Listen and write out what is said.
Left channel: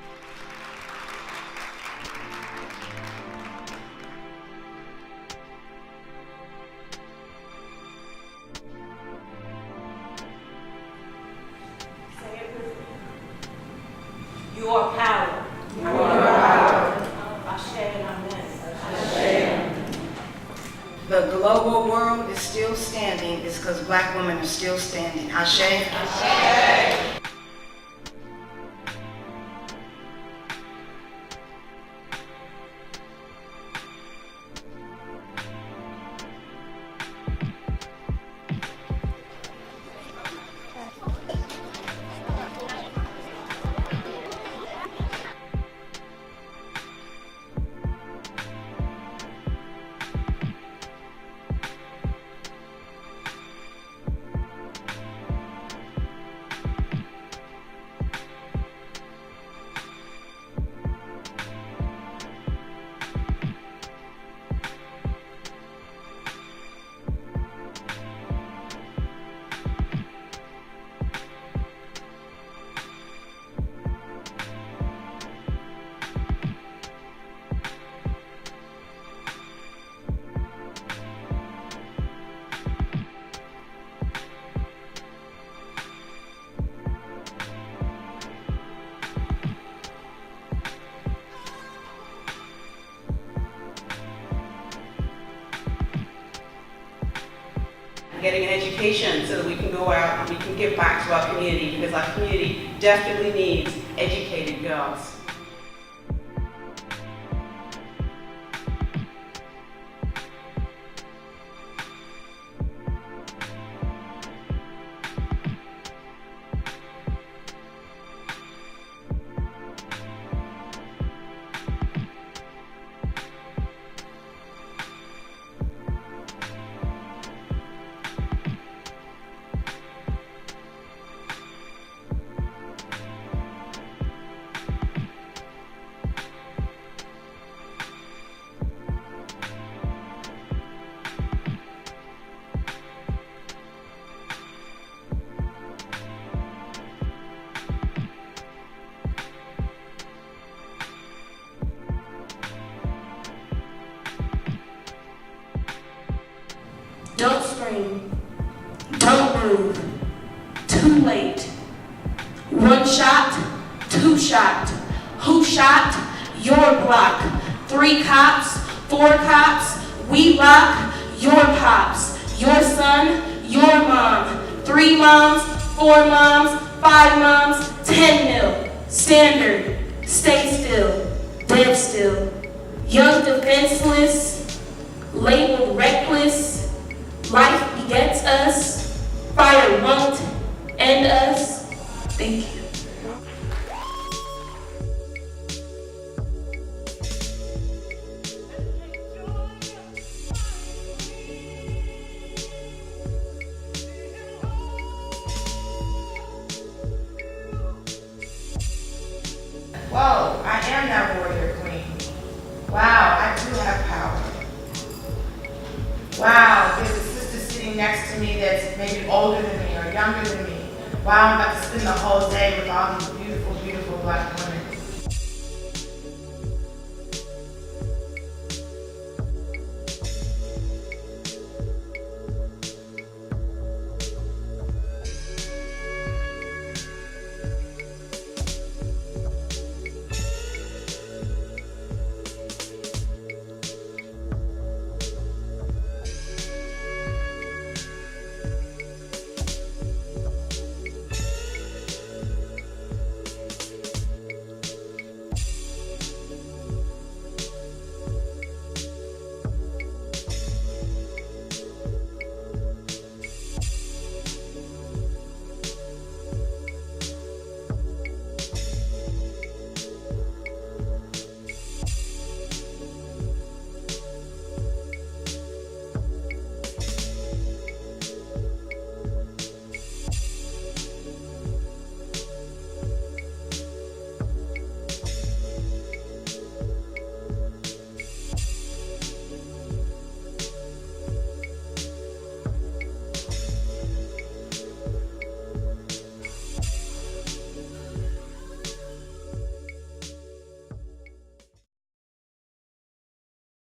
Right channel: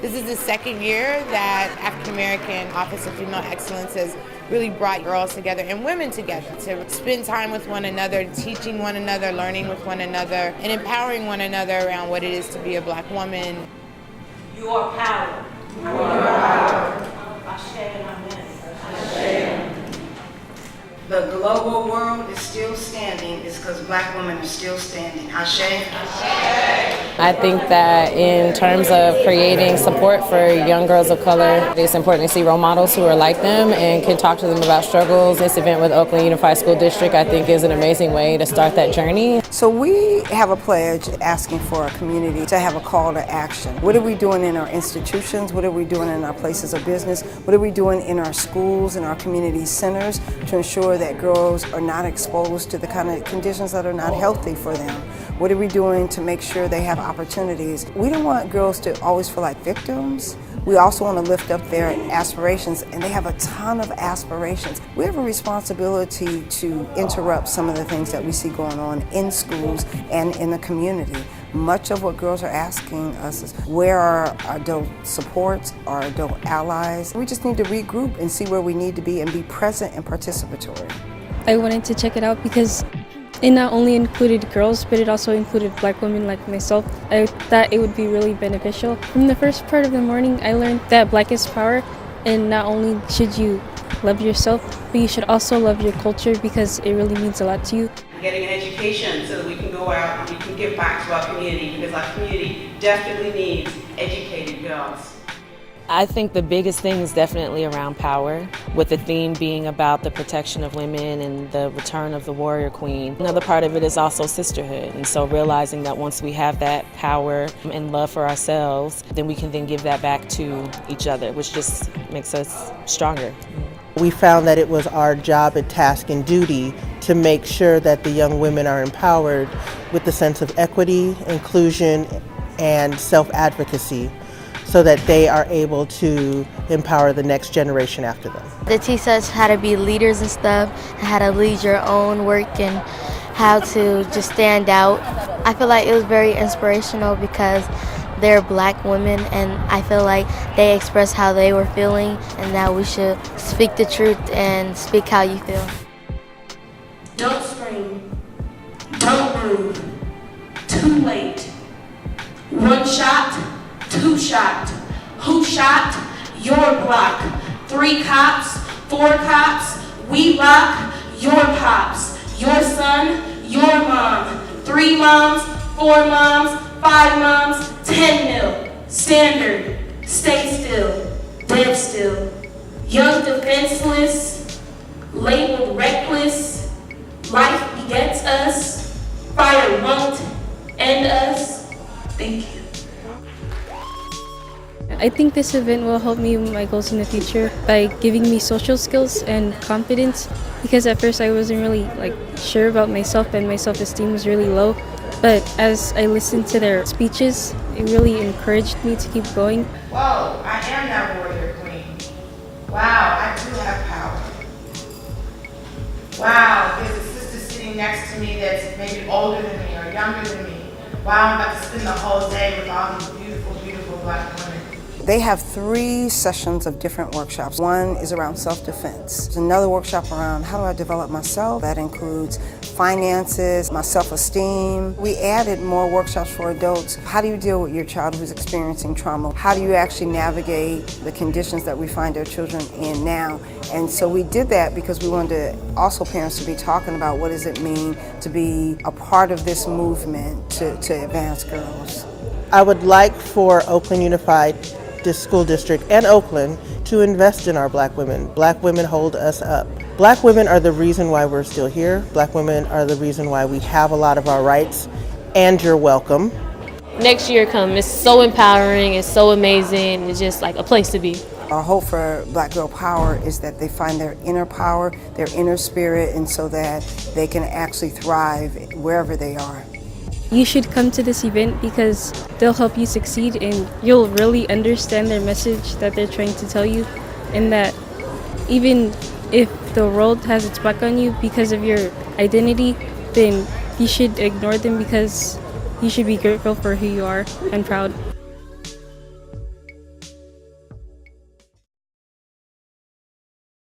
This is the second year that African American Office of Female Excellence has really brought girls together and women together to spend time with one another, teaching one another, learning with one another, and empowering one another around what it is to be a Black woman. You are power. You are power. Ashe and amen. Ashe. The global world is still standing is because Black women are still standing. Ashe. I think that in terms of creating support for young girls of color, it's important to see role models who are like them and can talk to them about struggles. This event with Oakland Unified School District, I think, is an amazing way to start that journey. So we have a pledge asking for our community to have a call to action. What are we doing in our institutions? What are we doing in our places of business? What are we doing in our schools and our community centers to ensure that girls are not exposed to the kind of conditions that are not healthy for them? What are we doing to make sure they have opportunities? We don't want girls to always feel like victims. We also want to lift up their aspirations, and they have a ton of aspirations. We have a responsibility to interrupt some of the things that we see going on in schools and in the community. Much of what girls are asking us is, where are our adult supports, our adult allies? We just need to regroup and see where we need to be and be present and participatory. I wanted to check it out because it not only included girls, but it also included Black women like myself. I thought it would be really beneficial. From the first part of the morning, I learned that Black is power, and not only should you love yourself, but you should also love your culture because it really means a lot to you. Getting an education so that we can go out and we can give back to our community, because our community definitely needs educated girls. I think the biggest thing is definitely around power, with the theme being about the protection of women and the return of the warrior queen. Another part of it is also sisterhood, and so realizing that once we have that power and love for ourselves, then we can then give that back to each other, which just makes us stronger. We found that it was our job and task and duty to make sure that the young women are empowered with the sense of equity, inclusion, and self-advocacy, so that they are able to empower the next generation after them. They teach us how to be leaders and stuff, how to lead your own work and how to just stand out. I feel like it was very inspirational because they're Black women, and I feel like they expressed how they were feeling, and that we should speak the truth and speak how you feel. Don't scream. Don't move. Too late. One shot. Two shot. Who shot? Your block. 3 cops, 4 cops. We rock. Your pops. Your son. Your mom. 3 moms. 4 moms. 5 moms. 10 mil. Standard. Stay still. Dead still. Young defenseless. Labeled reckless. Life begets us. Fire won't end us. Thank you. I think this event will help me with my goals in the future by giving me social skills and confidence, because at first I wasn't really sure about myself and my self-esteem was really low. But as I listened to their speeches, it really encouraged me to keep going. Whoa, I am that warrior queen. Wow, I do have power. Wow, there's a sister sitting next to me that's maybe older than me or younger than me. Wow, I'm about to spend the whole day with all these beautiful, beautiful Black women. They have 3 sessions of different workshops. One is around self-defense. There's another workshop around how do I develop myself. That includes finances, my self-esteem. We added more workshops for adults. How do you deal with your child who's experiencing trauma? How do you actually navigate the conditions that we find our children in now? And so we did that because we wanted also parents to be talking about what does it mean to be a part of this movement to advance girls. I would like for Oakland Unified School District and Oakland to invest in our Black women. Black women hold us up. Black women are the reason why we're still here. Black women are the reason why we have a lot of our rights, and you're welcome. Next year come, it's so empowering, it's so amazing, it's just like a place to be. Our hope for Black Girl Power is that they find their inner power, their inner spirit, and so that they can actually thrive wherever they are. You should come to this event because they'll help you succeed and you'll really understand their message that they're trying to tell you, and that even if the world has its back on you because of your identity, then you should ignore them because you should be grateful for who you are and proud.